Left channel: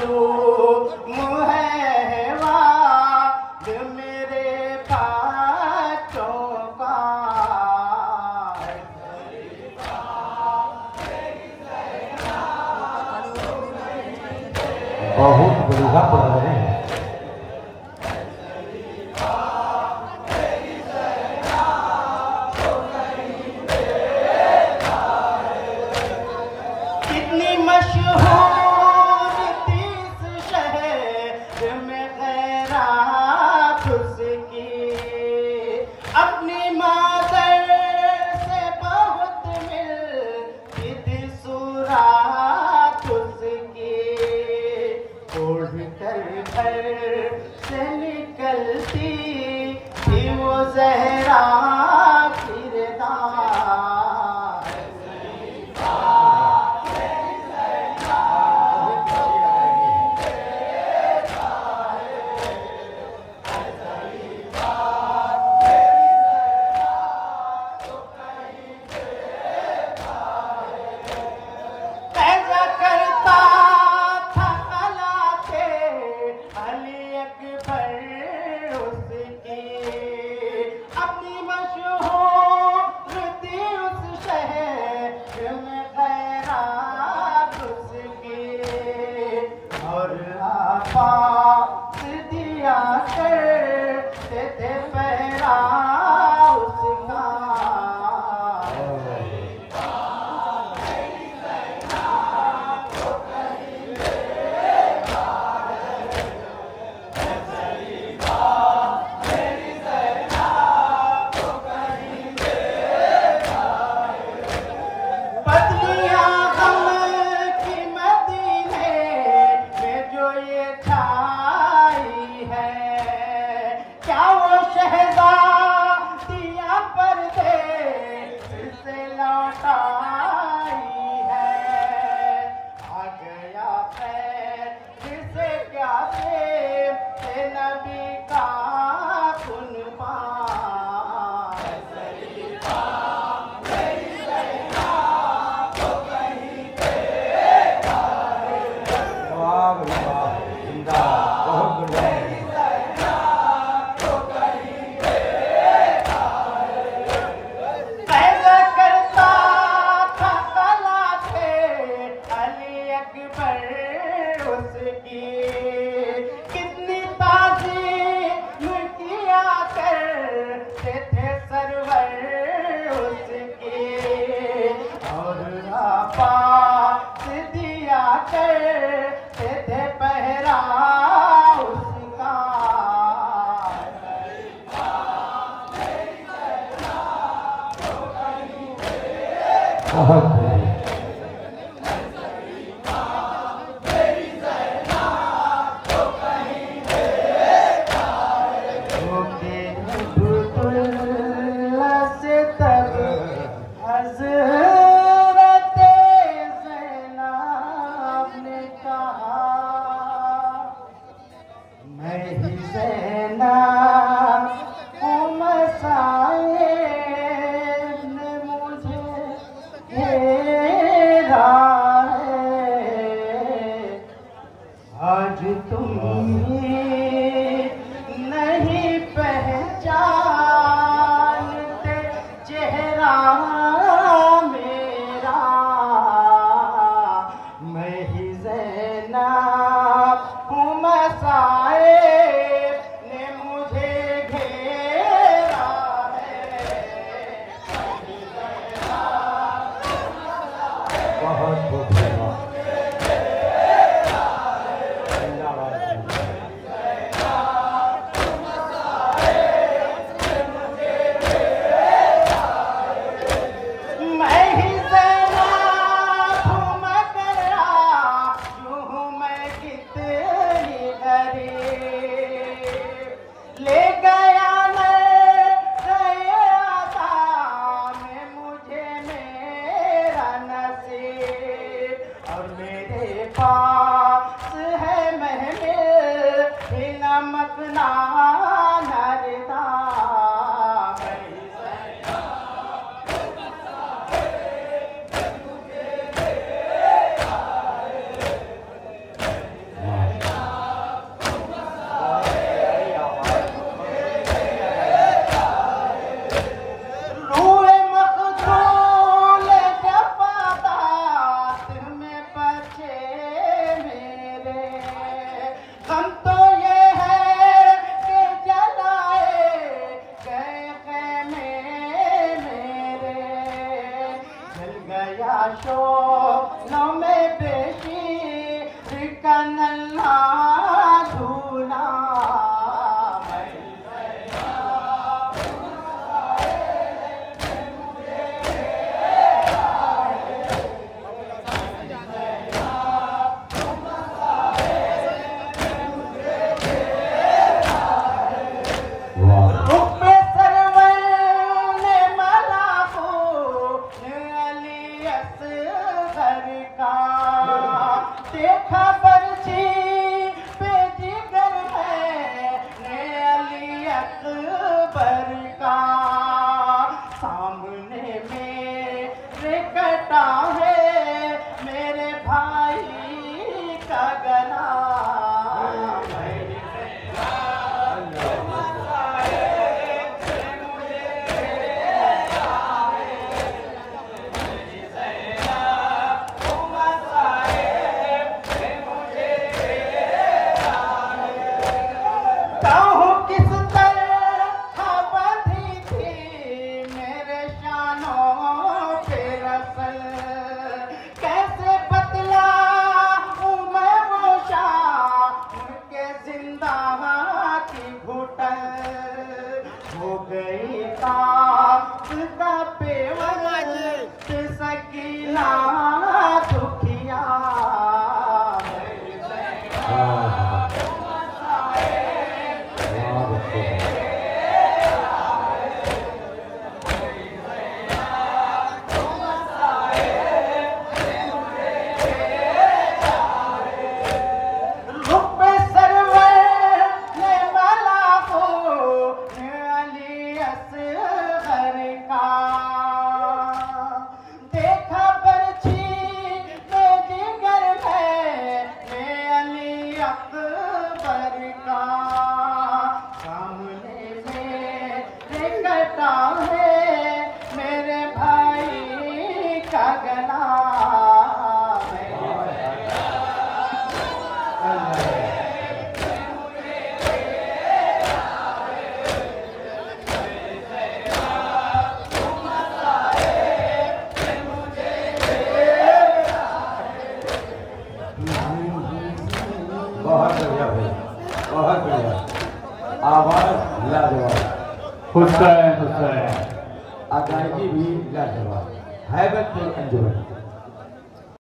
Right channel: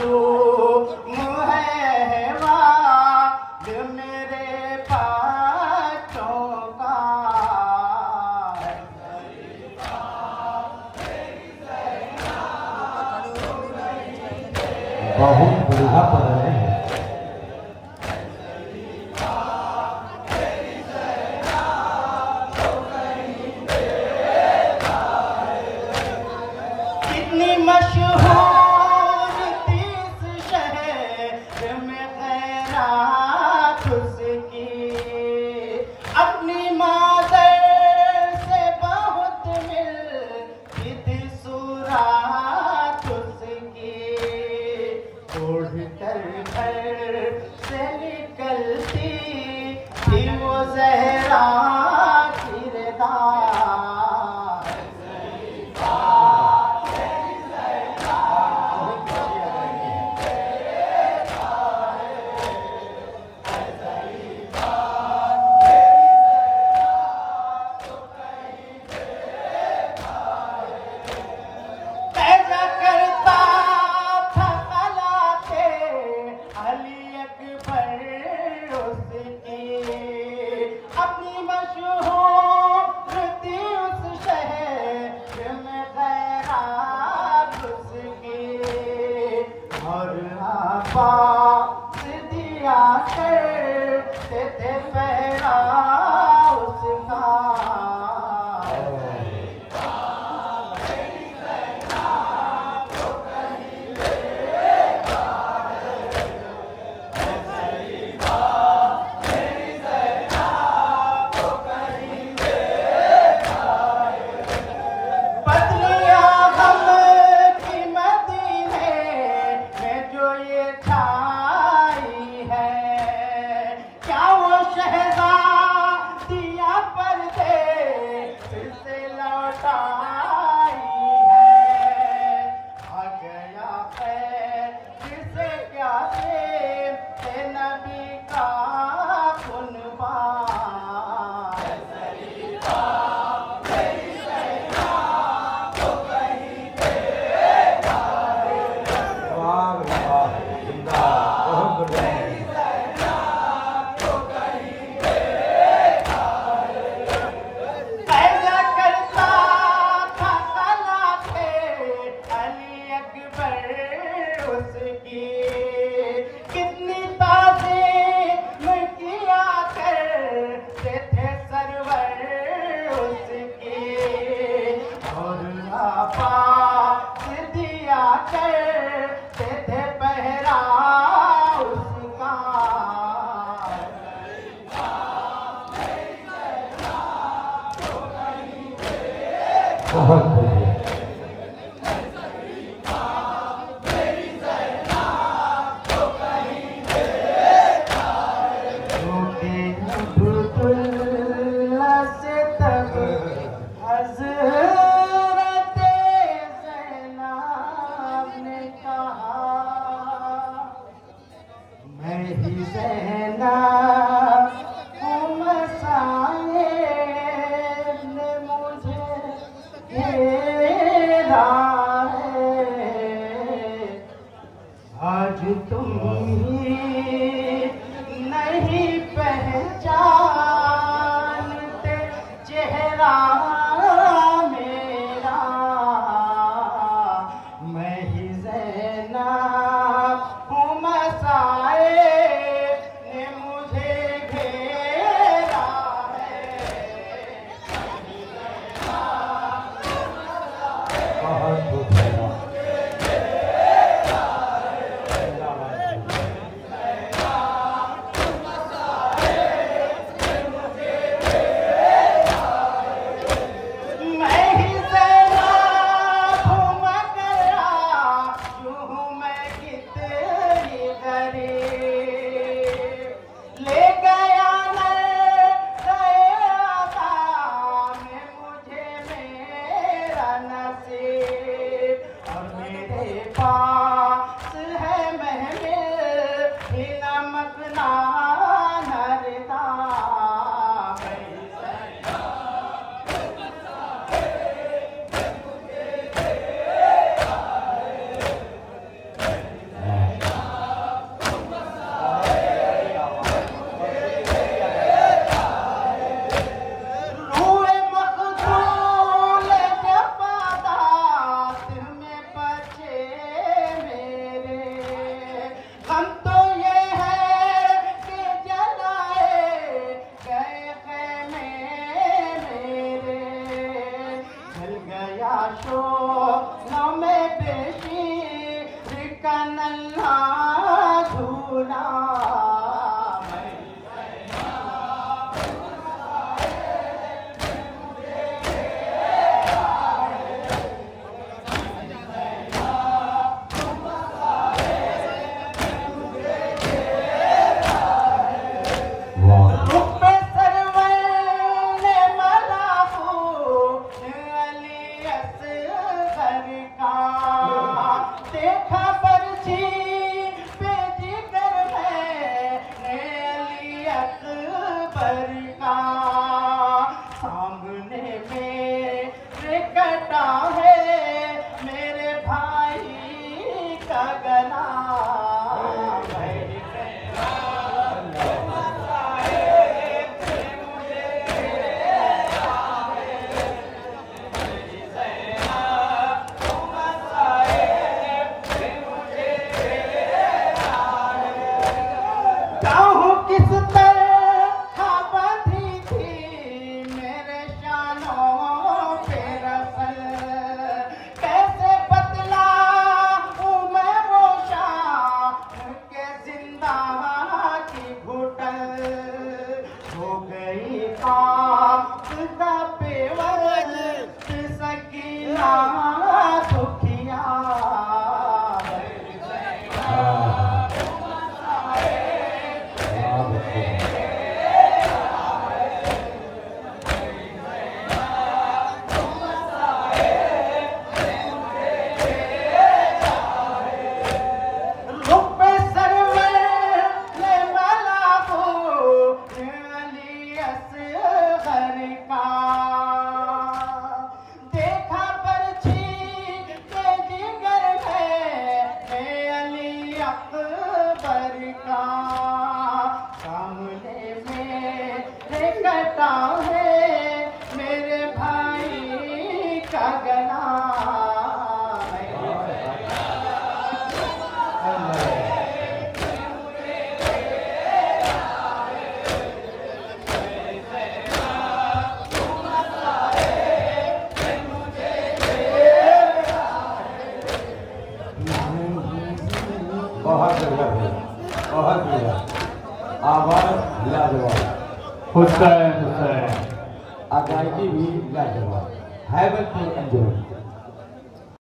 मासूम है वाद मेरे बच्चों का। बहुत बढ़िया पढ़ रहे हैं। कितनी मशहूर थी इस शहर में खैरात उसकी, अपनी मादर से बहुत मिलती थी सुरात उसकी। उड़ कर घर से निकलती थी वो ज़हरा किरदार। पैदा करता था कला थे अली अकबर उसकी, अपनी मशहूर थी उस शहर में खैरात उसकी। और आपास दिया करते थे पहरा उसका। पत्नियां हम की मदीने में जो ये छाई है, क्या वो शहज़ादियां परदेस से लौटाई है। आ गया खैर से क्या से नबी का कुर्बान। वाह वाह, जिंदा, बहुत बढ़िया। पैदा करता था कला थे अली अकबर उसकी, कितनी ताज़ीम किया करते थे सरवर उसकी। और पास दिया करते थे पहरा उसका। बहुत बढ़िया। अब्दुल्ला से तब हज़रत ज़ैनब ने कहा, मैं ही ज़ैनब हूँ, मसाइब ने मुझे घेरा है। आज तुम ही नहीं पहचानते चेहरा मेरा, मैं ही ज़ैनब हूँ, मसाइब ने मुझे घेरा है। बहुत बढ़िया। मैं ही ज़ैनब हूँ मगर आजू हूँ मैं कितनी गरीब। ले गया नज़र-ए-आता में मुझे मेरा नसीब। और मेरे पास है महमिल ही नमक नानरदा। घर का देखा पर्ची पे जिगर मैंने अली अकबर का सामने मेरे कटा है मेरे भाई का गला किस तरह बंधी थी मेरे शानों पे रसल कैसे बतलाऊं मैं वो शान उनके जिंदा की घुटन हो गई पाप का पेवर सकीना दुखिया कटा है मेरे भाई का गला बहुत बढ़िया भाई, बहुत बढ़िया आवाज लाजवाब, हुसैन हुसैन अदायगी भी लाजवाब, हैबतपुर अंजुमन।